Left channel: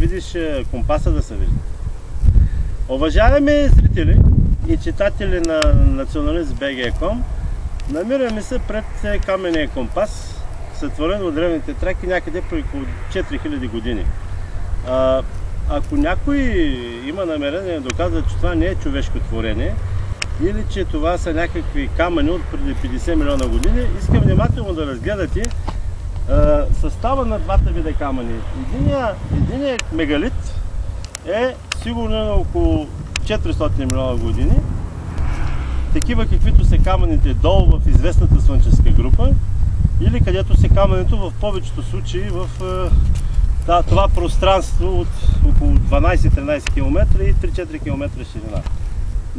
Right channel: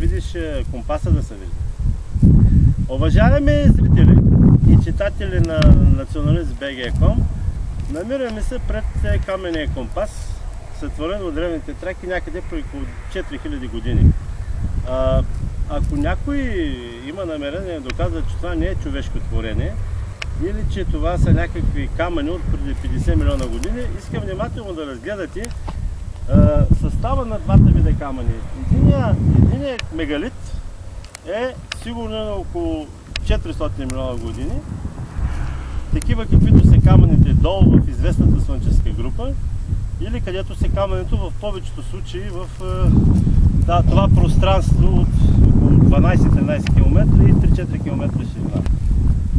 Видиш компаса да се вижда. Уважаеми зрители и читатели на nationalist.bg.com, намираме се пред каменния компас, сътворен от древните траки някъде по около 4000 години. Ако някой има намерение да доказва, че това не е човешко творение или че това са някакви камъни от преди 50 милиона години, искам внимателно да разгледате състава на двата вида камъни. Единият мегалит е сигурно на около 400 милиона години, такива каквито са камъните долу в известната слънческа група, или където са камънето в повечето случаи в това пространство от около 12-13 км и 3-4 км ширина.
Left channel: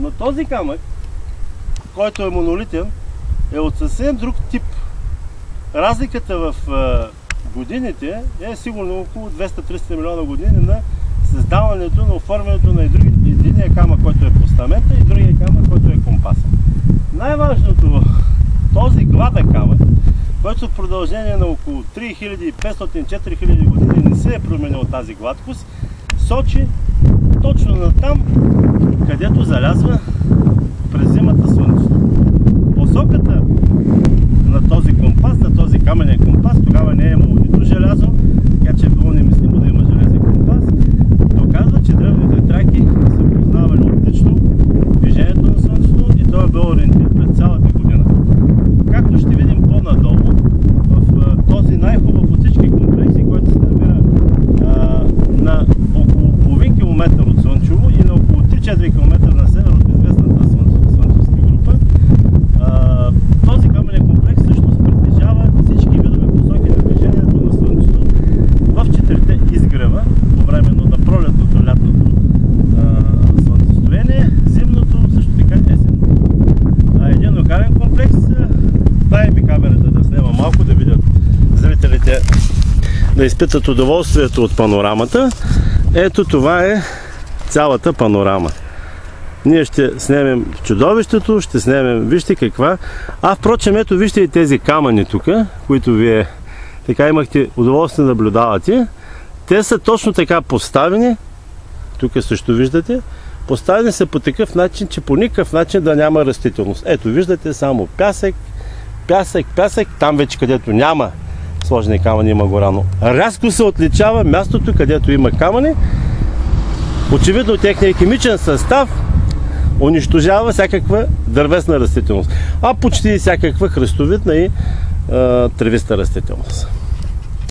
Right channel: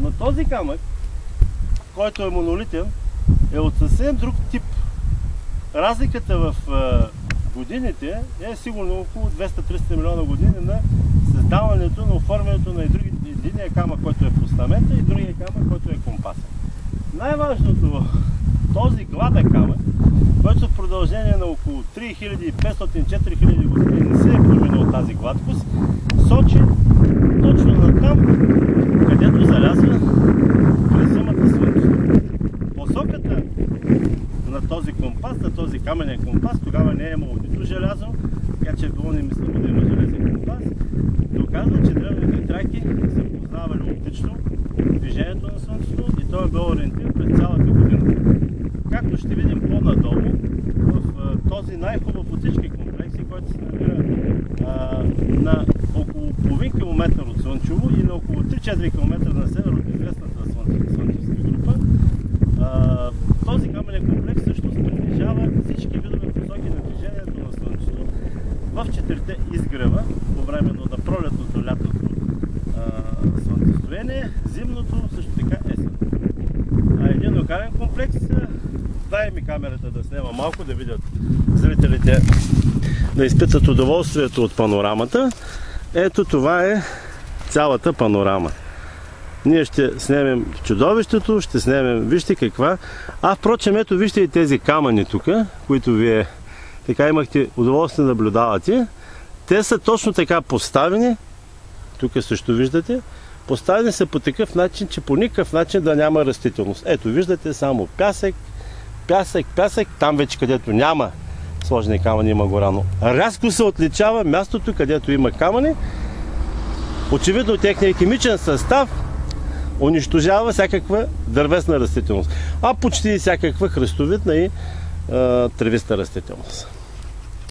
Но този камък, който е монолитен, е от съвсем друг тип. Разликата в годините е сигурно около 200-300 милиона години на създаването, на оформянето на единия камък, който е постамента, и другия камък, който е компаса. Най-важното, този гладък камък, който в продължение на около 3500-4000 години не се е променил тази гладкост, сочи точно на там, където залязва през зимата слънцето. Посоката на този компас, на този каменен компас, тогава не е имало нито желязо, така че е било немислимо да има железен компас, доказва, че древните траки са познавали отлично движението на слънцето и той е бил ориентир през цялата година. Както ще видим по-надолу, в този най-хубав от всички комплекси, който се намира на около половин километър от Слънчево и на около 3-4 км на север от известната слънчевска група, този каменен комплекс всъщност притежава всички видове посоки на движението на Слънцето в 4-те изгрева по времето на пролетното, лятното слънцестояние, зимното, също така есенно. Един локален комплекс, дай ми камерата да снема малко, да видят зрителите, да изпитат удоволствието от панорамата. Ето това е цялата панорама. Ние ще снемем чудовището, ще снемем, вижте каква. Впрочем, ето вижте и тези камъни тук, които вие така имахте удоволствие да наблюдавате. Те са точно така поставени, тук също виждате, поставени са по такъв начин, че по никакъв начин да няма растителност. Ето виждате само пясък, пясък, пясък, там вече където няма сложени камъни има гора, но рязко се отличава мястото, където има камъни. Очевидно техният химичен състав унищожава всякаква дървесна растителност, почти всякаква храстовидна и тревиста растителност.